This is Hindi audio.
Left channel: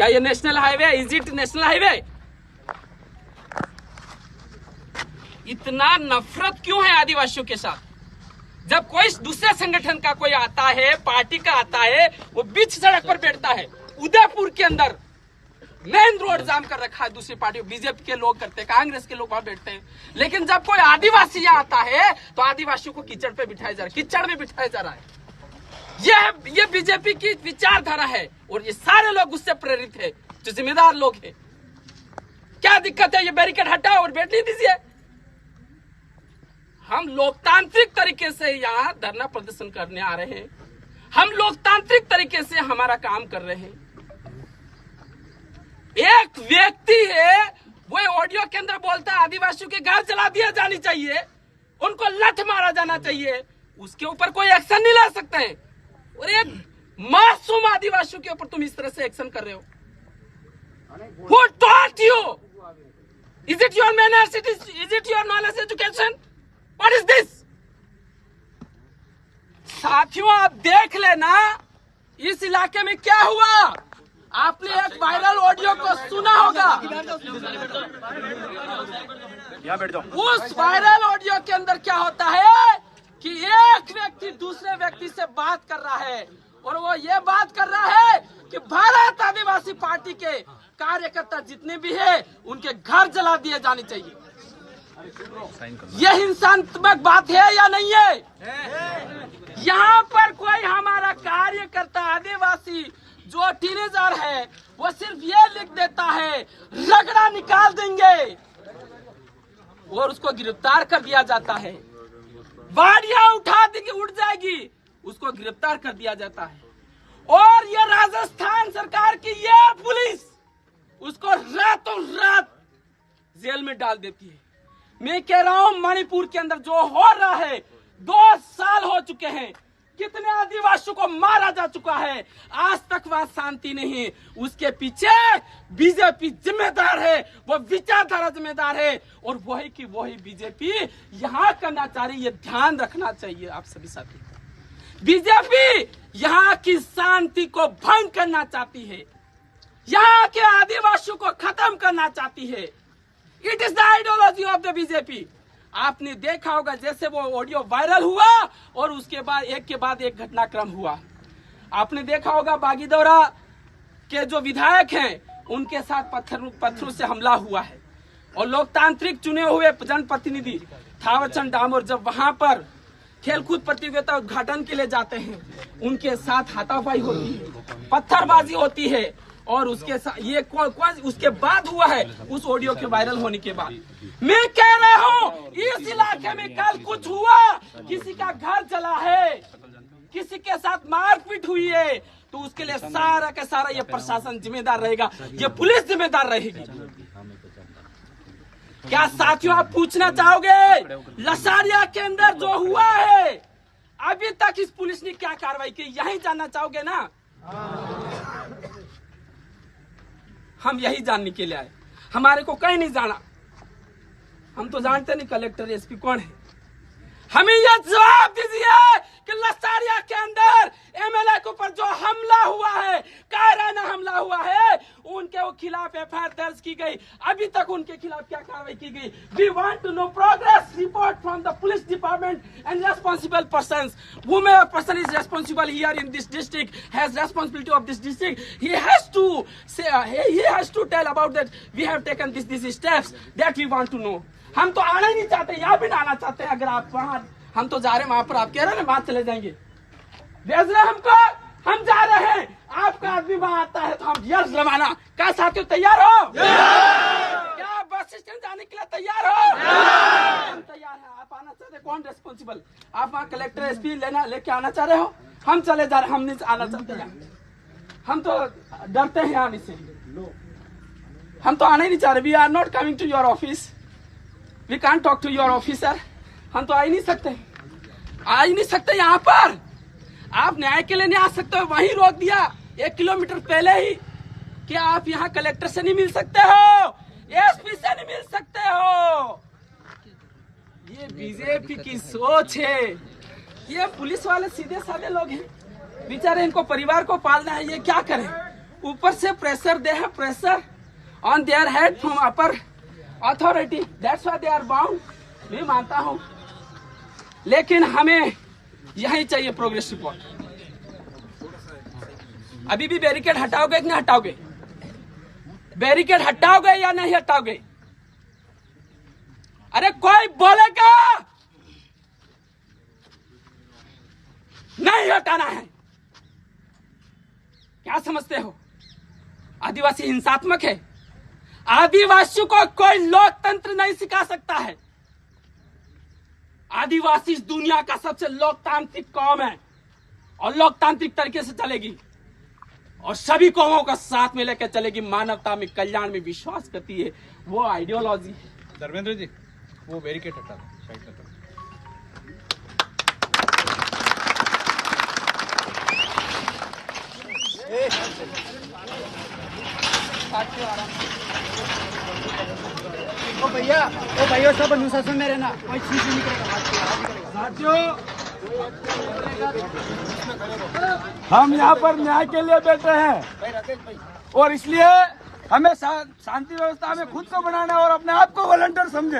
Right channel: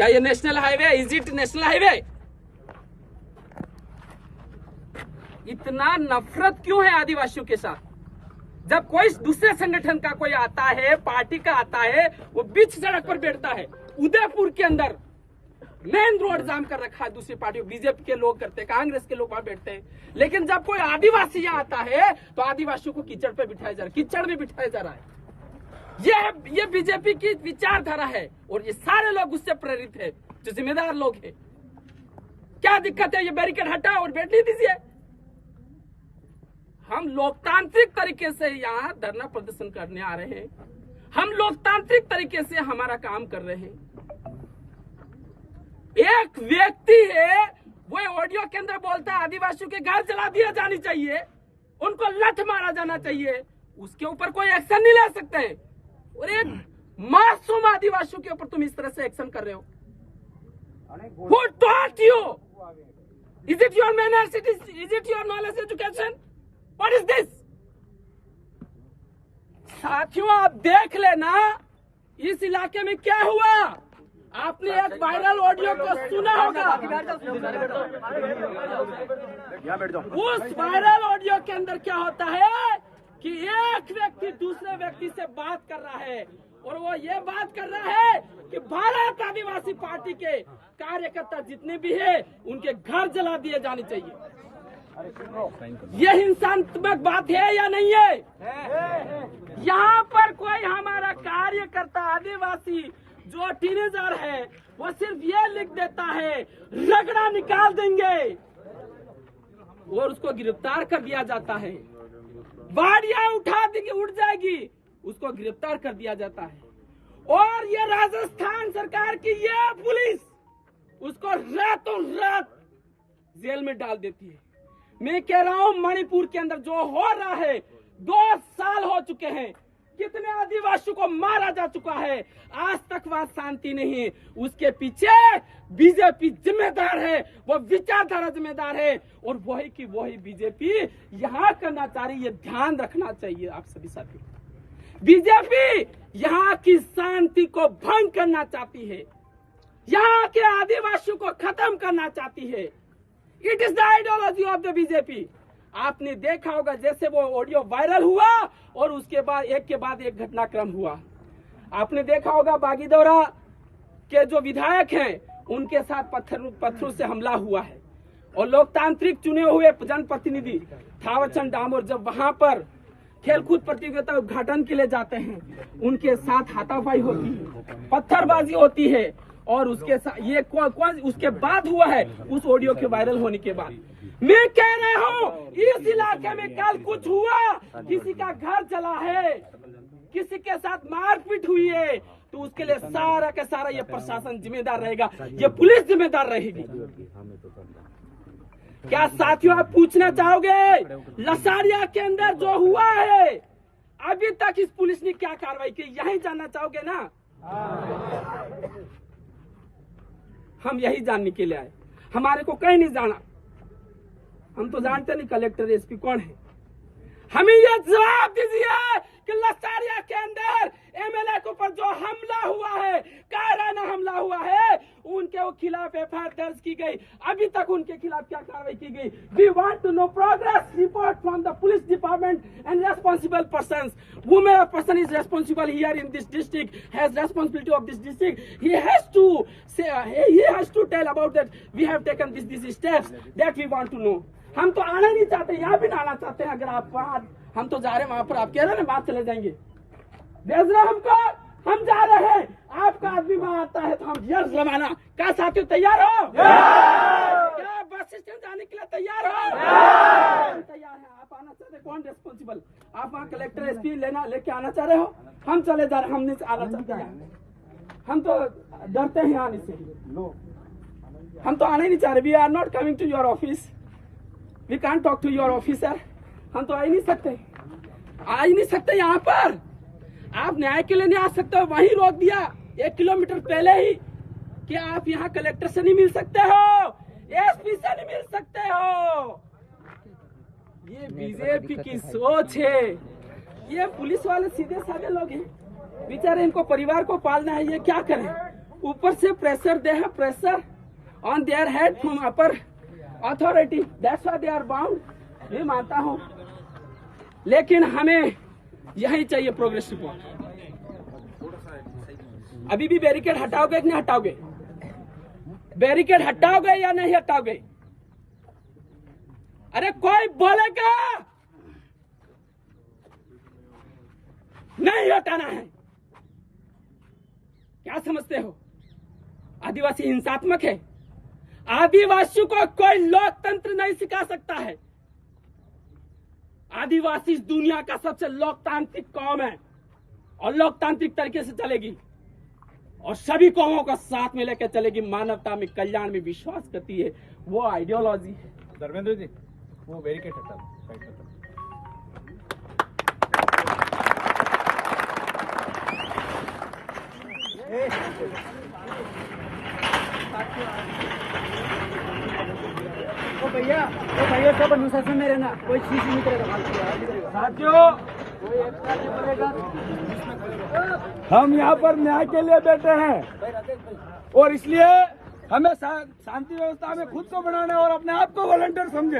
क्या ये national highway? Is it national highway? इतना नफरत क्यों है आदिवासियों के साथ? जब कोई दूसरे संगठन का कोई आता है, पार्टी का आता है, वो बीच सड़क पर बैठता है। उदयपुर के अंदर मेन रोड जाम कर रखा है दूसरी पार्टी, बीजेपी के लोग करते हैं, कांग्रेस के लोग वहां बैठते हैं। लेकिन जब कोई आदिवासी यहाँ आता है तो आदिवासियों को कीचड़ पे बिठाया जा रहा है, कीचड़ में बिठाया जा रहा है। ये बीजेपी की विचारधारा है और ये सारे लोग उससे प्रेरित है, जो जिम्मेदार लोग हैं। क्या दिक्कत है? ये बैरिकेड हटाओ और बैठने दीजिए। हम लोकतांत्रिक तरीके से यहाँ धरना प्रदर्शन करने आ रहे हैं। हम लोकतांत्रिक तरीके से हमारा काम कर रहे हैं। एक व्यक्ति है, वो ऑडियो के अंदर बोलता है आदिवासियों के घर जला दिया जानी चाहिए, उनको लठ मारा जाना चाहिए, उसके ऊपर कोई एक्शन नहीं ले सकते हैं। और एक मासूम आदिवासियों के ऊपर तुम इस तरह से एक्शन कर रहे हो। Who taught you? Is it your manners? Is it your knowledge education? What is this? साथियों, आप देख लेना इस इलाके में क्या हुआ। आपने एक वायरल ऑडियो को सुना होगा। उस वायरल ऑडियो के अंदर क्या होता है कि एक व्यक्ति दूसरे व्यक्ति से बात कर रहा है और वो ये बात कर रहा है कि भारत आदिवासी पार्टी के कार्यकर्ता जितने भी हैं उनके घर जला दिए जाने चाहिए। ये हिंसात्मक बात है या नहीं है? यहाँ पर कोई हमारा कार्यकर्ता आदिवासी जो टीनेजर है वो सिर्फ ये लिख देता है रगड़ा निकाल देंगे और उसको गिरफ्तार कर दिया जाता है। बाड़ियां उठा देंगे, उठ जाएगी, उसको गिरफ्तार कर दिया जाता है। और ये राजस्थान सरकार की ये पुलिस उसको रातों रात जेल में डाल देती है। मैं कह रहा हूं मणिपुर के अंदर जो हो रहा है, 2 साल हो चुके हैं, कितने आदिवासियों को मारा जा चुका है, आज तक वहां शांति नहीं। उसके पीछे बीजेपी जिम्मेदार है, वो विचारधारा जिम्मेदार है और वही की वही बीजेपी यहाँ करना चाह रही है। ये ध्यान रखना चाहिए आप सभी साथी। बीजेपी यहाँ की शांति को भंग करना चाहती है, यहाँ के आदिवासियों को खत्म करना चाहती है। It is the ideology of the BJP. आपने देखा होगा जैसे वो ऑडियो वायरल हुआ और उसके बाद एक के बाद एक घटनाक्रम हुआ। आपने देखा होगा बागीदौरा के जो विधायक हैं उनके साथ पत्थरों से हमला हुआ है और लोकतांत्रिक चुने हुए जनप्रतिनिधि थावरचंद डामोर जब वहां पर खेलकूद प्रतियोगिता उद्घाटन के लिए जाते हैं उनके साथ हाथापाई होती है, पत्थरबाजी होती है और उसके साथ ये उसके बाद हुआ है, उस ऑडियो के वायरल होने के बाद। मैं कह रहा हूँ इस इलाके में कल कुछ हुआ, किसी का घर जला है, किसी के साथ मारपीट हुई है, तो उसके लिए सारा का सारा ये प्रशासन जिम्मेदार रहेगा, ये पुलिस जिम्मेदार रहेगी। क्या साथियों आप पूछना चाहोगे लसारिया के अंदर जो हुआ है अभी तक इस पुलिस ने क्या कार्रवाई की, यही जानना चाहोगे ना? हम यही जानने के लिए आए, हमारे को कहीं नहीं जाना। हम तो जानते नहीं कलेक्टर एसपी कौन है। हमें यह जवाब दीजिए कि लसारिया के अंदर एमएलए के ऊपर जो हमला हुआ है, कायराना हमला हुआ है, उनके खिलाफ एफआईआर दर्ज की गई, अभी तक उनके खिलाफ क्या कार्रवाई की गई? We want to know progress report from the police department and responsible persons. Whomever person is responsible here in this district has responsibility of this district. He has to say, he has to tell about that. We have taken these steps that we want to know. हम तो आना ही नहीं चाहते, यहाँ भी आना चाहते हैं। अगर आप वहाँ, हम तो जा रहे हैं वहां पर, आप कह रहे हैं वहां चले जाएंगे, भेज रहे हमको, हम जा रहे हैं। आपका आदमी वहां आता है तो हम यस रवाना। क्या साथियों तैयार हो? क्या बस स्टैंड जाने के लिए तैयार हो? हम तैयार हैं। आप आना चाह रहे, कौन रेस्पॉन्सिबल? आप वहाँ कलेक्टर एसपी लेके आना चाह रहे हो, हम चले जा रहे, हम नहीं आना चाहते हैं। हम तो डरते हैं आने से, हम तो आने नहीं चाह रहे। We are not coming to your office, we can't talk to your officer. हम तो आ ही नहीं सकते, यहाँ पर आप न्याय के लिए नहीं आ सकते हो। वहीं रोक दिया 1 किलोमीटर पहले ही कि आप यहाँ कलेक्टर से नहीं मिल सकते हो, एसपी से नहीं मिल सकते हो। ये बीजेपी की सोच है। ये पुलिस वाले सीधे साधे लोग हैं, बेचारे इनको परिवार को पालना है, ये क्या करें? ऊपर से प्रेशर दे है, pressure on their head from upper authority, that's why they are bound. मैं मानता हूं, लेकिन हमें यही चाहिए प्रोग्रेस रिपोर्ट। अभी भी बैरिकेड हटाओगे कि नहीं हटाओगे? बैरिकेड हटाओगे या नहीं हटाओगे? अरे कोई बोलेगा नहीं हटाना है। क्या समझते हो? आदिवासी हिंसात्मक है? आदिवासियों को कोई लोकतंत्र नहीं सिखा सकता है। आदिवासी इस दुनिया का सबसे लोकतांत्रिक कौम है और लोकतांत्रिक तरीके से चलेगी और सभी कौमों का साथ में लेकर चलेगी। मानवता में, कल्याण में विश्वास करती है, वो आइडियोलॉजी है। धर्मेंद्र जी, वो बैरिकेड हटा दो, साइड में भैया से अनुशासन में रहना, कोई चीज नहीं करेगा। साथियों, हम यहाँ पर न्याय के लिए बैठे हैं और इसलिए हमें शांति व्यवस्था में खुद को बनाना और अपने आप को वॉलंटियर समझे।